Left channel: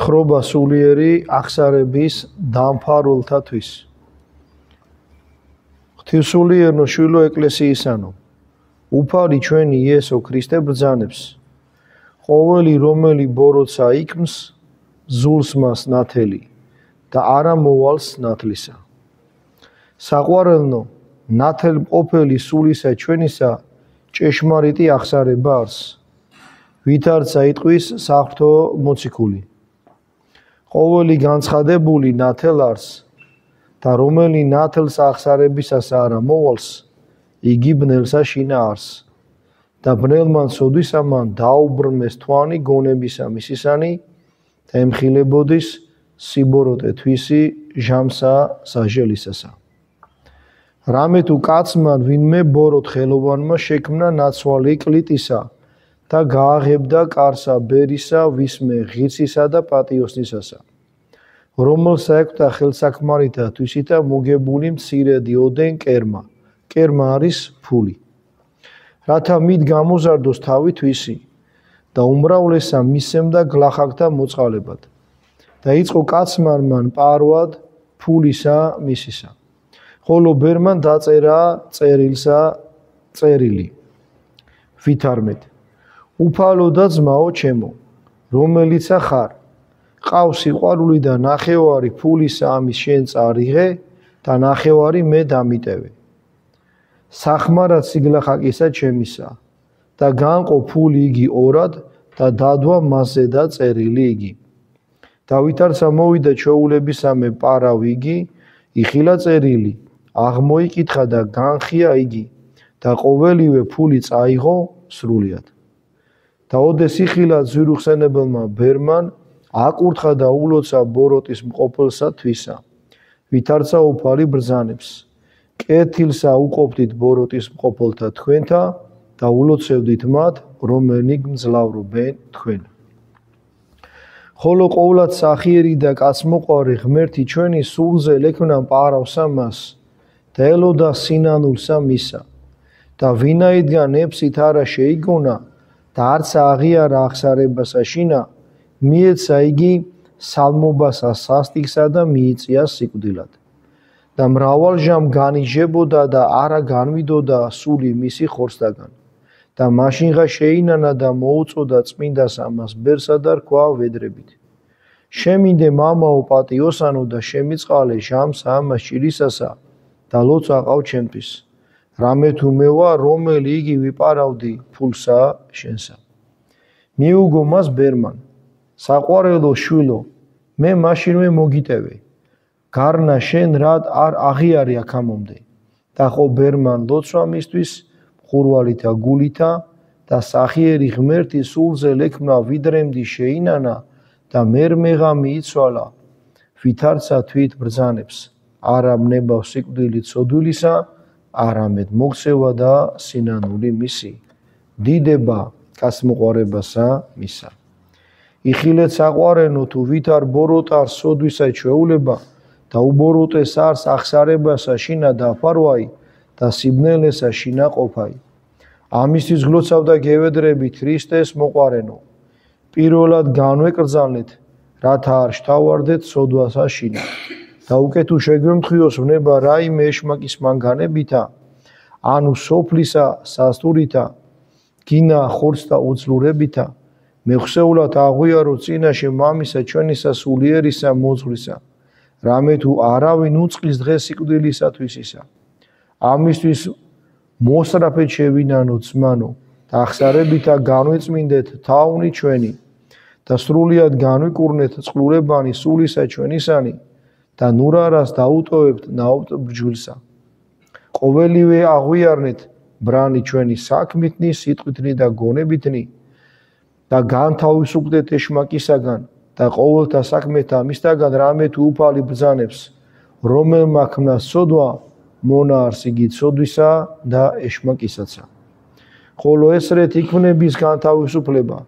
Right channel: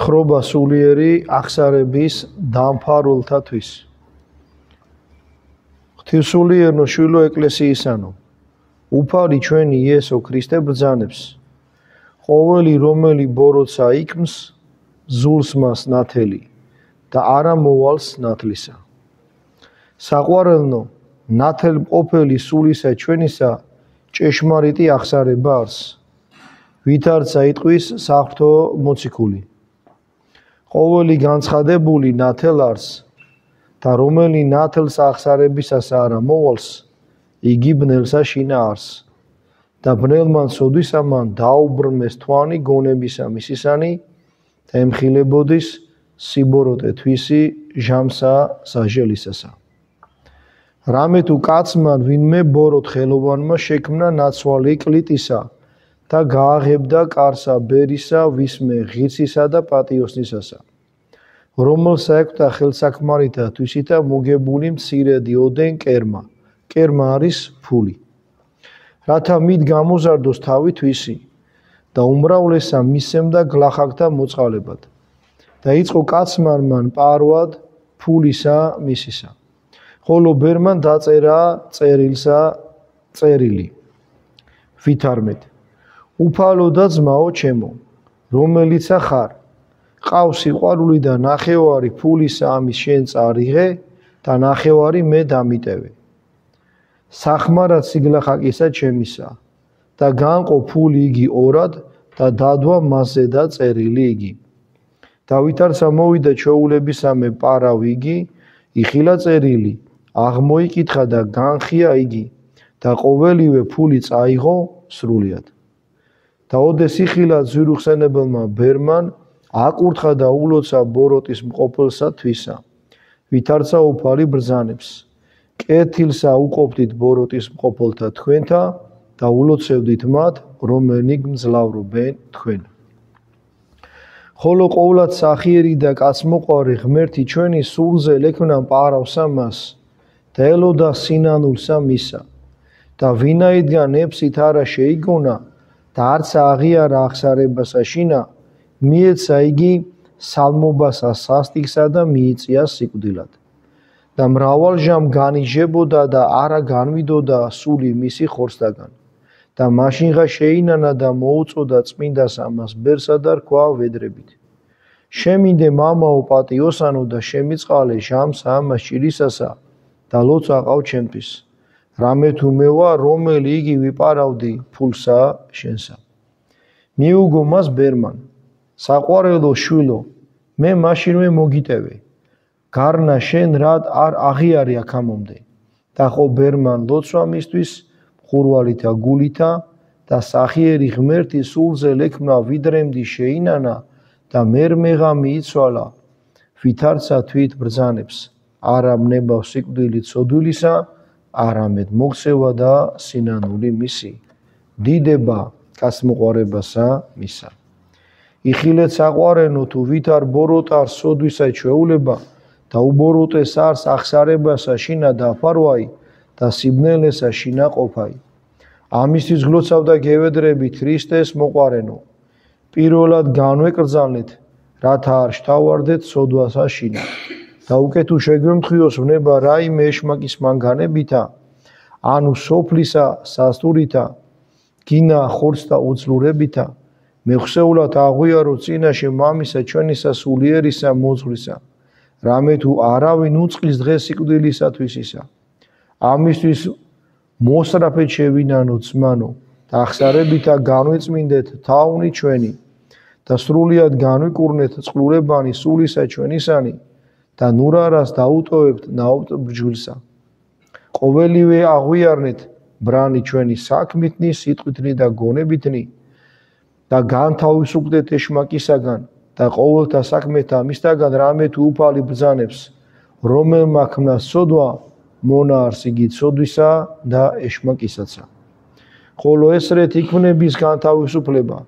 გთხრობა სულიერი აღსარების დამფარველთათვის. ღვთისმსულიერნო შვილო ეკლესიისანო, უფალი ჩვენი იესო ქრისტე ბრძანებს, ყოველი რომელი ბოროტსა იქმს, ზულს მას ნათელი და არა მოვალს ნათლისა. საყვარელნო, ნათელმყოფელი სულისა ჩვენისა ჭეშმარიტი აღსარება არს, ვით არცა იტყვის საღვთო მოციქული. ყოველი განცხადებული ნათელ არს და რომელი ნათელს აღსარებისას არა მოვალს, იგი ბნელსა შინა არს და ბნელმან სოდვისამან დაუბრმეს თვანი გონებისა მისისანი და ემხილებოდის სიბოროტე თვისი ჟამსა საჟელისასა. რამე თუ კაცმან ვინმე ბოროტ ხელოვანმა შექმნა ნაცვალი კლიტისა და გააღებდა კარსა ბერისა ვისმე ღირსისა და პატიოსნისასა, რომელსა ეკვთა ხელსაქმარითა თვისითა მოგებული მცირედი ოდენ კერმა. კერმა არის ფული, რათა მით გამოზარდოს თავი თვისი და უმრავლესა მისცემდა გლახაკთა მოწყალებად და იწყო კაცმან პარვად ფულისა მისისა, ხოლო ბერმან დაწერა წერილსა წერილი. ვითარმეთ, უფალო და ძმაო ჩემო, რომელიცა ხარ, ყავს სიყვარული და ნახევარი ფულისა ამის შენ წარიღე და ნახევარი მე დამიტევე. სახმარად სიგლახაკისა ჩემისა და განყო ფული იგი ორად და დადვა მასზე და წერილი იგი. და ვითარცა მოვიდა ჩვეულებისამე პარავი იგი, იხილა წერილი, აღმოიკითხა და განხია იგი და ყოველივე ფული წაიღო სრულიად. და ოდეს იხილა ძვირუხსენებელმა ბერმან აკურთხა და ულოცა ბოროტის მყოფელსა თვისა, ვითარცა უფალი ბრძანებს, კეთილსა უყოფდით ბოროტის მყოფელთა თქვენთა და ულოცევდით მათ, რომელნი მძლავრობენ თქვენ. ხოლო ყოვლად სახიერი და კაცმოყვარე ღმერთი ჩვენი სულზე ლექმნა პარავსა მას და ელოდა სინანულსა მისა და ვინაიდან ებსით არა შეიგონა და არცა აღიარა აღსარებასა შინა, მიეცა იგი სალმობასა სასტიკსა და მიიწია სიკვდილად და მრავალჟამ განიჟებოდა და არა განვიდოდა სული მისი ხორცდაგან და მაშინღა შეინანა და მოუწოდა წმინდას ამას ბერსა და რქვა ვედრებით. შემინდე მამაო პატიოსანო და შემიწყალე ჟამსა ამას ჭირისასა და ლოცვა ყავ ჩემთვის, რამე თუ მე ვარ, რომელი იგი ვიპარავდი ფულსა შენსა. მიუგო მას ბერმან, საყვარელო შვილო, მე მაშინვე მოგიტევე, გარნა შენ რად არ აღიარე აქამდე და ხო ბერმან ლოცვა მისთვის ხურვალითა გულითა და სახიერი ღმერთი სულზე ლექმნა ვიდრემდი შეინანა და მერმეღა მიიცვალა, ვითარცა თვით ბრძანებს, არა მნებავ სიკვდილით სოდვილისა, არამედ მოქცევა და სინანული მისი, დიდება კაცმოყვარებასა მისა. იხილეთ საყვარენო თუ ვით არ ბოროტარ სოდვისა ჩვეულება და უბოროტეს არს აღსარებასა შინა დაფარვაი და სიბნელესა შინა ყოფაი. ამისთვის გლოცავ და გევედრებით ქრისტეს მოყვარენო, პირველად განვეკრძალეთ, რათა არ შთავარდეთ სოდვასა შინა და უკეთ თუ შეგვემთხიოს ვნება რაიმე ეშმაკის მანგანებითა, ანუ სოფლისა სასტურითა, გინა ხორცთა უძლურებითა, მეხსეულად აღვიარო წინაშე მამისა ჩვენისა სულიერისა მოძღვრისა, რამე თუ არავინ უწყის დღეს სიკვდილისათვისისა. ამისთვის მოსრაფეთ შევინანო ძმანო და აღსარებითა განვეწმინდეთ თავნი ჩვენი და სრულიად განვიკურნეთ წყლურებანი სულისა ჩვენისანი და ნურარას დაუტოვებთ ნაობთ ბრძვილსა. ყოველივე აღვიარნეთ ბრანი ჩვენი საქმითნი, სიტყვითნი და გონებითნი და განთავისუფლდეთ ეშმაკისაგან და ყოველთა საქმეთა მისთაგან, რამე თუ უფალი ბრძანებს, რომელმა ქმნა სოდვა, მონაარს იგი ცოდვისა და ეშმაკისაცა. ხოლო ესრეთ იქმნების განთავისუფლება,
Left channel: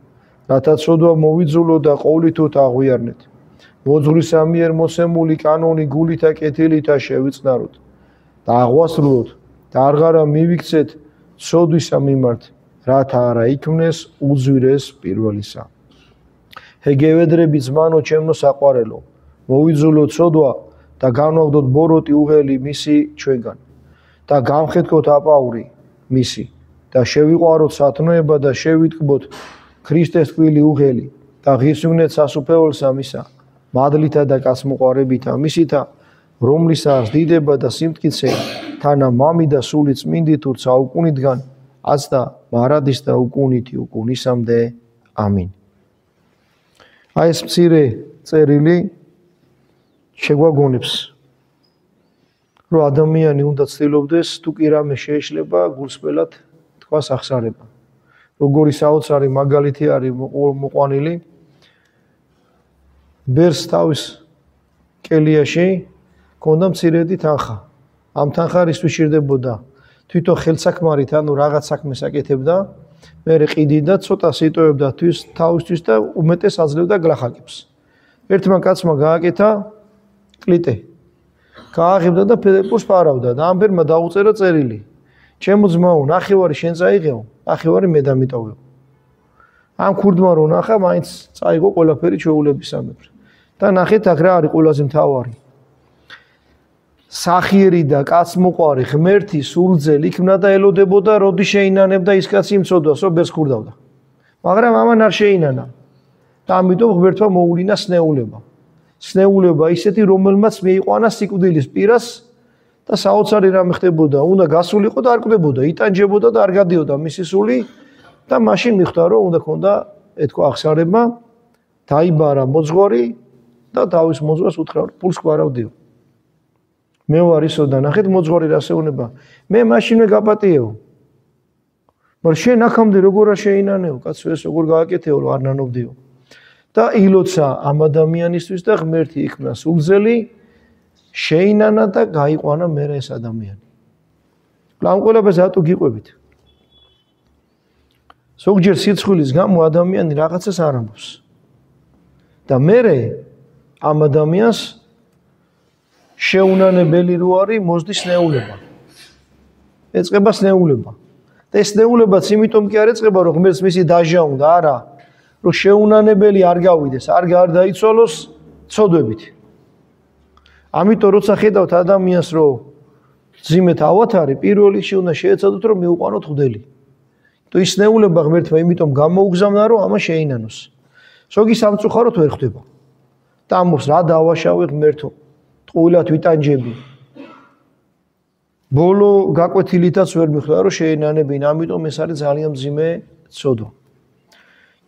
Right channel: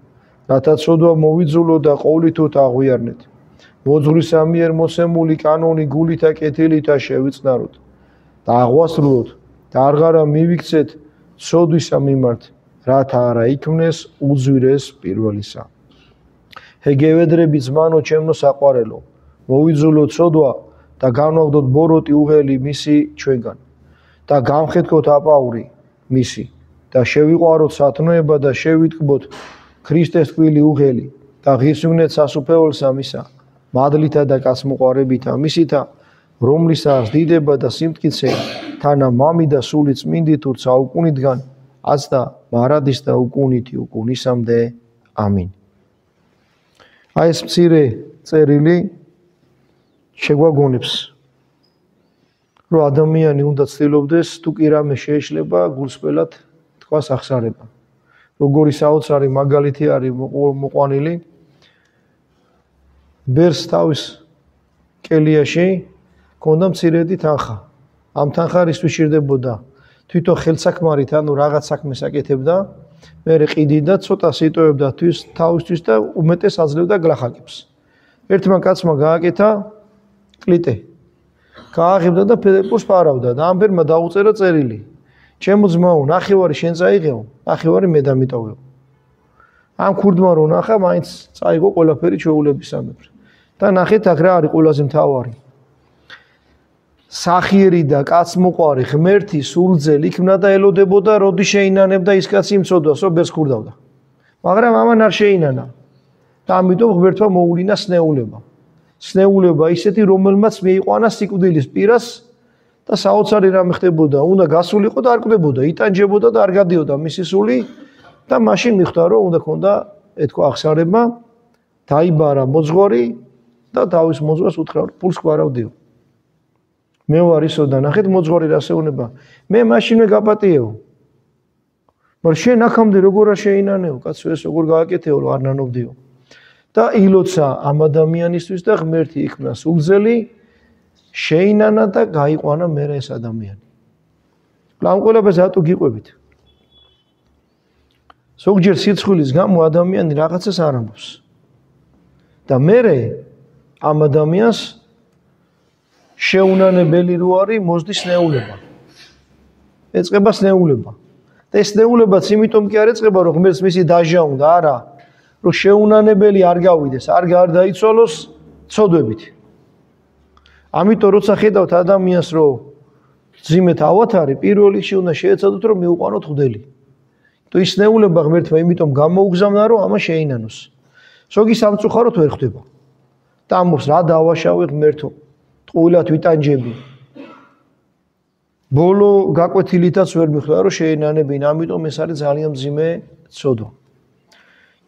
რათა ცოდვა მოვიძულო და ყოვლითოთ აღვიარნეთ. მოძღვრის მიერ მოსემული კანონი გულითა კეთილითა შევიწნაროთ და აღვასრულოთ და არღარა მივიქცეთ ცოდვისა მიმართ, რათა არა იქმნეს უძვირეს პირველისა. ჰეგევედრები ძმანო ჩემო საყვარელო, მოვიძულოთ სოდვა და განვაგდოთ ბოროტი უღელი მისი ჩვენგან და გამხედოთ აპაური მისი და შევიყვაროთ სათნოება და შევიტკბოთ ქრისტეს ტკბილი უღელი და ღირსევნეთ სასუფეველსა მისა მადლითა და კაცმოყვარებითა მისითა რომლისაა დიდება და სიმტკიცე თანა მამი და სული წმინდი თუ საუკუნიდან აც და მარადის და უკუნითი უკუნისამდე ამინ. აი ეს მცირე წერილი შეგვაგონებს რომ ადამიანი უნდა ცდილობდეს თუ კი რამე შეეშლება გულსπელად თქვას ახსარება. როგორი საოცარი მაგალითი არის მოყვანილი ბერს თავის კელიაში ქონდა მცირედი თანხა. ამ თანხარისთვის ჭირდებოდა თვითონ ხელსაქმარით ანუ რაღაც საქმეს აკეთებდა, მერე ყიდიდა, ცოტას იტოვებდა თავისთვის და უმეტეს აძლევდა გლახაკებს. ერთმა კაცმა გააკეთა კლიტე. გააღებდა და ფედერპურს ფარავდა და ამ ბერმა დაუწერა წერილი. ჩემო ძმაო, ნახევარი შენ წაიღეო, ნახევარი მე დამიტოვეო. ამ ქურდმა რო ნახა, მაინც წაიღო ყველაფერი ჩვეულებისამებრ. და ნახეთ აქ რა არის ყველაზე მთავარი. სახიერი და კაცმოყვარე ღმერთი სულძელ იქნა და ელოდებოდა როდი შეინანებდა ის კაცი იმწოდვას, რომ ბერს ქურდავდა. მაგრამ ამან არ შეინანა. და ამიტომ ღმერთმა მოულინა სნეულება. სნეულება ისეთი, რომელმაც მიიყვანა სიკვდილის პირას და საოცარი რამე ხდებოდა, უნდა გასულიყო და არ კვდებოდა, იტანჯებოდა და არ გადიოდა მისი სული და მაშინ მიხვდა, რომ უნდა ქონდა ეთქვა ახსარება, დაიბარა მოძღვარი და თავის მოძღვარს უთხრა, პულს გვარავდიო. მე ვარ ისო და ნახეთ მოძღვარი რასეუნება, მე მაშინვე გაპატიეო. მაგრამ შენ აქამდე როგორ არ შეინანეო, კაცო ეს როგორ გააკეთეო, რომ არ ნანობდიო. და ილოცა ამ ადამიანისთვის და ღმერთი იქნა სულძელი, შეინანა და გაიყვანა მერე ეს ადამიანი. ამ ყველაფერს რატო გიყვებით? ზოგჯერ სიცხვილის გამო ადამიანი რაღაცას არ ამბობს. და მერე ამ ადამიანს შეუნანებელი რო არის მოსდის სნეულება. ეწყება სნეულება. და ეს სნეულებაც იმიტომ კი არ ეწყება, რომ ღმერთს მისი დაჟა უნდა, არა, რომ შეუნანებელი არ გავიდეს, არ დაიცვალოს ცოდვებით. ამიტომ როცა ხედავთ ადამიანს, რომ ძიმეთ ავათარი, პირველ რიგში უნდა შეეცადოთ, რომ მიუყვანოთ ღვთელი. თუ ის სნეულება ღმერთმა იმიტომ გამოუგზავნა, რომ ამა შეინანოს. ზოგი სამწუხაროდ ვერ ხდება. და ამობს რა დავაშავე ღმერთო, ტყუილად ვიტანჯები. ბოლო გაკვეთილითაც ვერ მიხვდა, რომ შეინანებინ, ამიტომ ეს არის ძალიან მძიმე ცოდვა.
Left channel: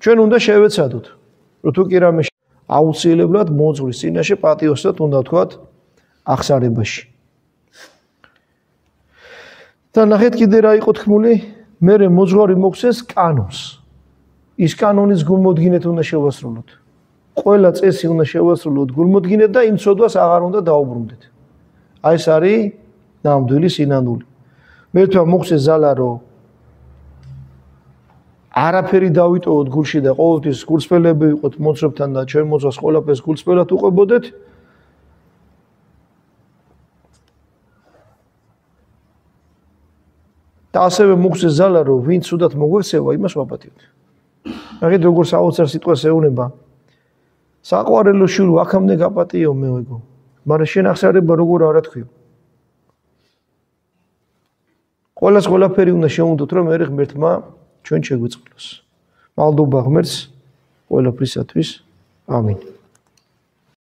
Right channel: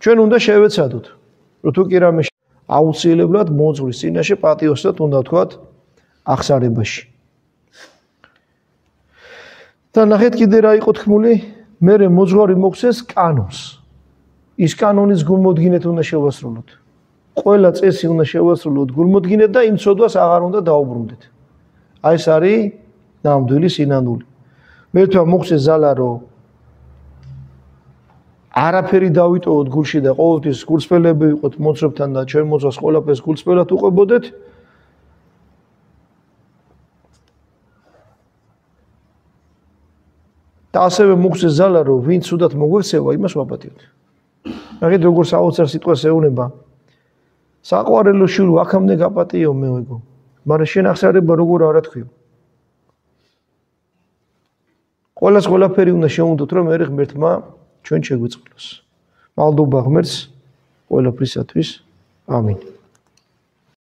ჩვენ უნდა შევეცადოთ, რომ თუ კი რამე აუცილებლად მოძღვრის წინაშე პატიოსად უნდა ვთქვათ ახსარებაში. და ნახეთ კიდე რა იყო თქმული, მერე მოძღვარი მოხსეს კანონს. ის კანონის გულმოდგინედ უნდა შევასრულოთ. ყველა წესი უნდა შევასრულოთ გულმოდგინედ და იმ ცოდვას აღარ უნდა დაუბრუნდეთ. აი ეს არის ნამდვილი სინანული. მერტვა მოხსეს ზალა, რომ არაფერი დავიტოვოთ გულში და ყოველთვის გულსπელები ვიყოთ მოძღვრებთან და ჩვენ მოძღვრას ყველაფერს გულსπელად უყვებოდეთ. და ასევე მოხსეს ზალა, რომ ვინც ცუდად მოგვექცევა, იმას ვაპატიოთ. ნახეთ როგორ საოცარ სიტყვას ეუბნება. საყვარელო შვილო, აქამდე გაპატიო მე ვეგო, მაგრამ შენ ახსარება როგორ არა თქვიო. ყველაფერი უნდა შევუნდოთ, რომ მე ღმერთმა ჩვენ შეგვიწყლოს. მადლობა ღმერთს ყველაფრისათვის. ამინ.